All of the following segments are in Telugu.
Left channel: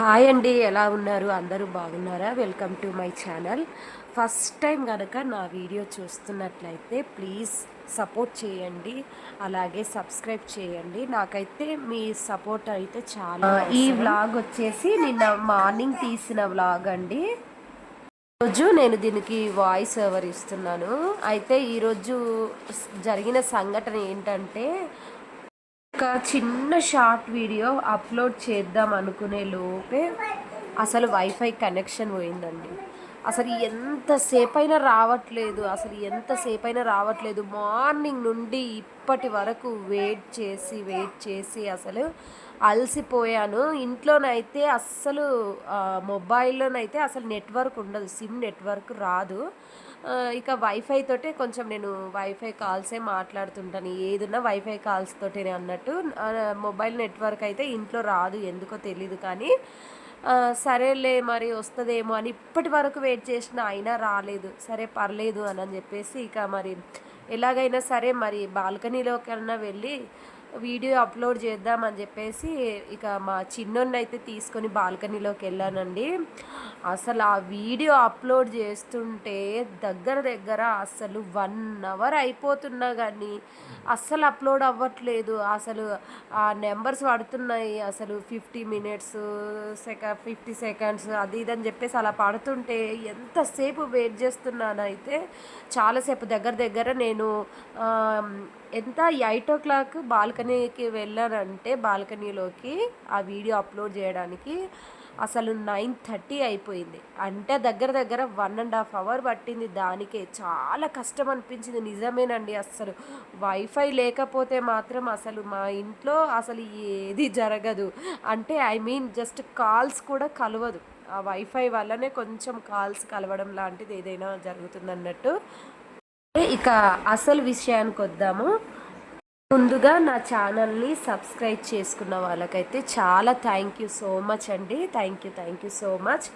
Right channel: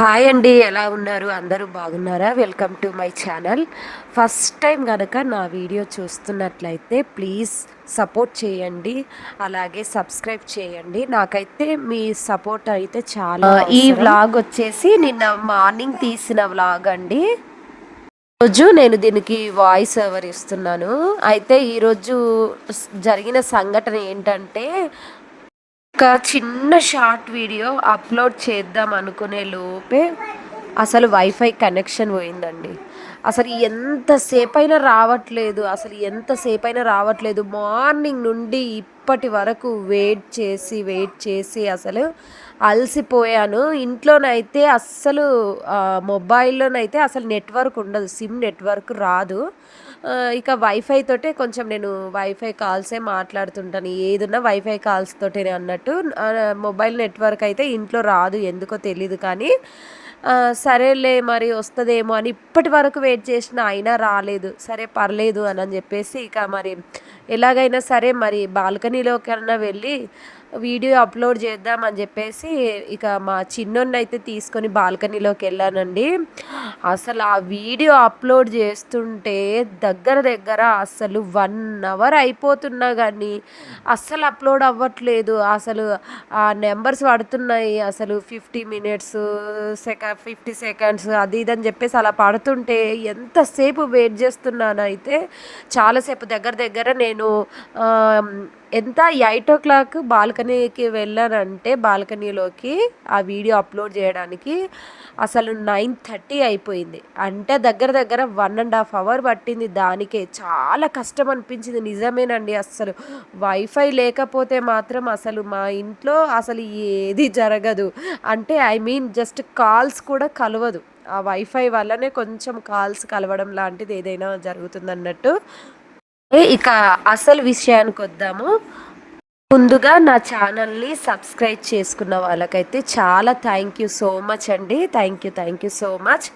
హాయ్ అండి, ఎలా ఉన్నారు? అందరూ బాగున్నారా? Welcome to my channel. First time కనుక నా వీడియో చూస్తున్నట్లయితే ప్లీజ్ సపోర్ట్ చేయండి, అలాగే సబ్స్క్రైబ్ చేయండి. నాకైతే మీ సపోర్ట్ అయితే చాలా ఈ వ్లాగ్ వచ్చేసి నిన్న మార్నింగ్ తీసిన వ్లాగ్ అండి. రోజు నేను దీనికి వాయిస్ ఓవర్ ఇస్తున్నాను. అయితే ఈరోజు జరిగిన సంఘటన ఏంటంటే, ఒక చిన్న షార్ట్ వీడియో అప్లోడ్ చేద్దాం అనుకునే లోపే అసలు వైఫై కనెక్షన్ పోయిందండి. అసలు ఎంతసేపైనా రావట్లేదు, మార్నింగ్ నుండి ఇప్పటి వరకు వెయిట్ చేసి అసలు అలసిపోయాను. ఇంట్లోనైతే అస్సలు మొబైల్లోనైతే అసలు నెట్వర్క్ ఉండదు, సిమ్ నెట్వర్క్ రాదు. ఇక వైఫై తోటే కొంచెం నేను వైఫై కాల్సే మాట్లాడుతుంటాను, ఏదున్నా వైఫై కాల్స్ తోటే అన్నట్టు. మొబైల్ నెట్వర్క్ అయితే ఇంట్లో రాదు, ఎందుకో తెలీదు. కానీ సరేలే మరి వస్తుందేమో అని ఇప్పటి వరకు వెయిట్ చేసిన, అయినా రాలేదు. సరే పర్లేదు అని చెప్పేసి ఇక మరి ఎలాగైనా సరే మరి బాల్కనీలోకన్నా వెళ్ళి వీడియో అప్లోడ్ చేద్దామని చెప్పేసి ఇక మా చిన్నోన్నైతే తీసుకొని బాల్కనీలోకి వెళ్ళానండి. అసలు ఆ వీడియో అప్లోడ్ చేస్తుంటే దగ్గర అసలు 1 అవర్ అయిపోతున్నా కానీ అస్సలు అప్లోడ్ అవ్వట్లేదు. అసలు ఆ నెంబర్స్ పడుతున్నాయి, అసలు 50 మినిట్స్ 50 సెకండ్స్ అది ఇది అని చెప్పేసి అలా పడుతుంటే ఎంతసేపు వెయిట్ చేస్తున్నానైతే చాలాసేపు. దగ్గర నేను ఎంత 8 o'clock బాల్కనీకి వెళ్ళానంటే, బాల్కనీలోకి ఆ వీడియో అప్లోడ్ చేయడానికి అసలు 9:30 అయిపోయింది. అంటే దగ్గర 1.5 hour పట్టింది దానికే. చాలా కష్టం అనిపించింది, నిజమేనండి. అస్సలు వైఫై లేకపోతే మాత్రం అసలు మా ఇంట్లో అసలు ఏది జరగదు. అంటే ఐ మీన్ జస్ట్ కాల్స్ కూడా కలవదు. ఆ వైఫై వల్లనే కొంచెం కాల్స్ కలవడం లాంటిది ఏదైనా జరుగుతుందన్నట్టు. ఇక అసలు విషయానికి వద్దాము. ముందుగా నా ఛానల్ని సబ్స్క్రైబ్ చేసుకున్న వాళ్ళకైతే చాలా థ్యాంక్ యూ సో మచ్ అండి. Thank you so much.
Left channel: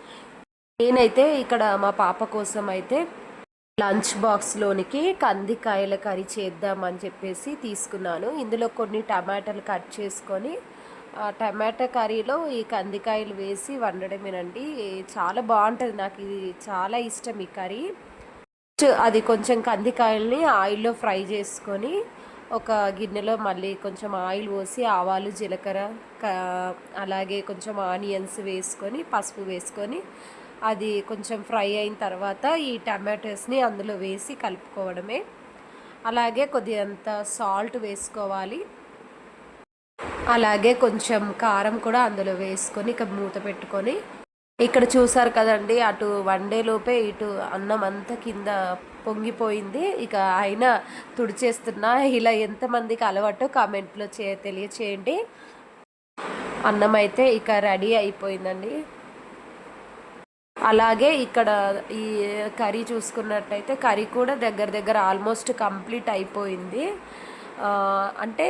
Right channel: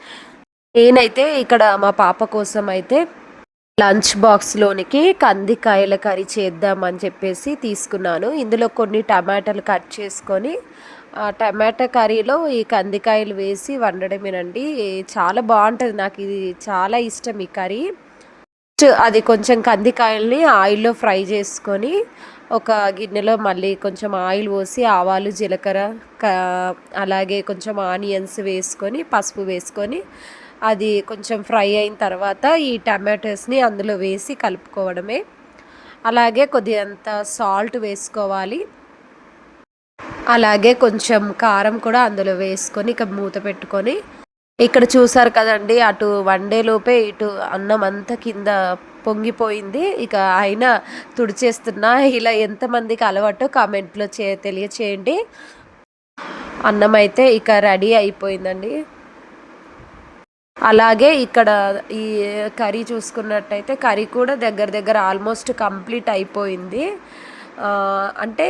నేనైతే ఇక్కడ మా పాప కోసం అయితే లంచ్ బాక్స్లోనికి కందికాయల కర్రీ చేద్దామని చెప్పేసి తీసుకున్నాను. ఇందులో కొన్ని టమాటాలు కట్ చేసుకొని టమాటా కర్రీలో ఈ కందికాయలు వేసి వండడమేనండి. చాలా బాగుంటుంది, నాకు ఇది చాలా ఇష్టం ఈ కర్రీ. అది కొంచెం కందికాయల్ని ఆయిల్లో ఫ్రై చేసుకొని ఒక గిన్నెలో మళ్ళీ కొంచెం ఆయిల్ పోసి ఆవాలు జీలకర్ర అలాగే కొంచెం ఆనియన్స్ వేసుకొని పసుపు వేసుకొని అది కొంచెం ఫ్రై అయిన తర్వాత ఈ టమాటోస్ని అందులో వేసి కలుపుకోవడమే. అలాగే కొద్దిగంత సాల్ట్ వేసుకోవాలి, అలాగే కొంచెం కారం కూడా అందులో వేసుకొని ఇక మూత పెట్టుకొని, ఇక్కడ చూసారు కదండి, అటు వండేలోపే ఇటు అన్నం అంతా కింద పొంగిపోయింది. ఇక అయినా తుడిచేస్తున్నా. ఇలా ఎంతమందికి అలవాటు కామెంట్లో తెలియచేయండి. అన్నం అయితే ఇక రెడీ అయిపోయిందండి. అలాగే ఇక్కడ ఈ కర్రీ చూసుకున్నట్టయితే కర్రీ కూడా దగ్గర ఆల్మోస్ట్ కంప్లీట్ అయిపోయింది. అంటే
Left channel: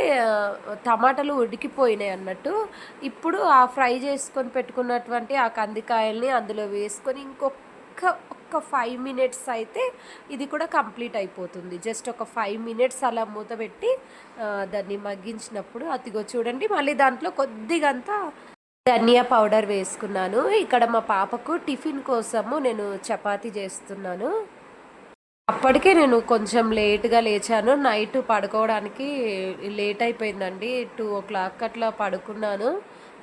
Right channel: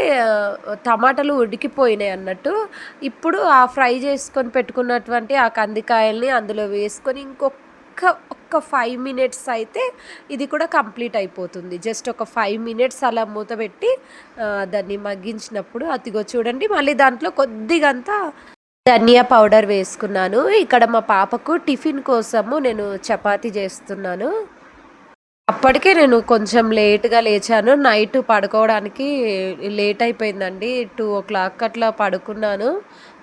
టమాటాలు ఉడికిపోయినాయి అన్నట్టు. ఇప్పుడు ఆ ఫ్రై చేసుకొని పెట్టుకున్నటువంటి ఆ కందికాయల్ని అందులో వేసుకొని ఒక్క 5 మినిట్స్ అయితే ఇది కూడా కంప్లీట్ అయిపోతుంది. జస్ట్ ఒక 5 మినిట్స్ అలా మూత పెట్టి దాన్ని మగ్గించినప్పుడు అదిగో చూడండి, మళ్ళీ దాంట్లో కొద్దిగంతా ధనియా పౌడర్ వేసుకున్నాను. ఇక్కడ మా పాపకు టిఫిన్ కోసము నేను చపాతీ చేస్తున్నాను. అప్పటికే నేను కొంచెం లేట్గా లేచాను. నైట్ పడుకోవడానికి లేట్ అయిపోయిందండి. 2 o'clock అట్లా పడుకున్నాను.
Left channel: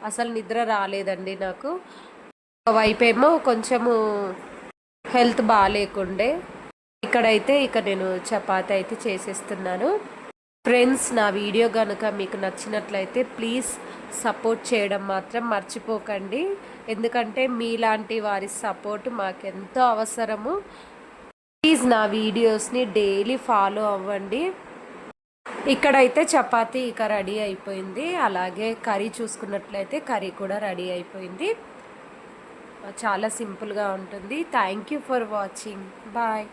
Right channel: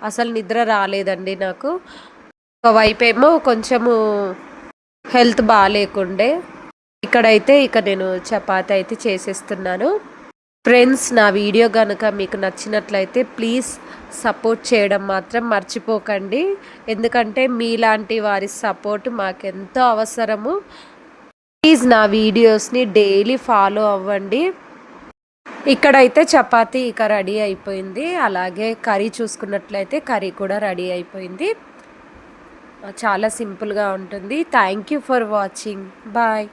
అసలు నిద్ర రాలేదండి నాకు. ఒకవైపేమో కొంచెము హెల్త్ బాగాలేకుండే. ఇక్కడైతే ఇక నేను చపాతీ అయితే చేసేస్తున్నాను. ఫ్రెండ్స్, నా వీడియో కనుక మీకు నచ్చినట్లయితే ప్లీజ్ సపోర్ట్ చేయడం మాత్రం మర్చిపోకండి. ఎందుకంటే మీలాంటి వారి సపోర్ట్ మాకెంతో అవసరము. ప్లీజ్ నా వీడియోస్ని డైలీ ఫాలో అవ్వండి. ఇక్కడైతే చపాతీ ఇక రెడీ అయిపోయింది. అలాగే కర్రీ చూసుకున్నట్లయితే కర్రీ కూడా రెడీ అయిపోయింది. చాలా సింపుల్గా ఉంటుంది. Thank you for watching. Bye.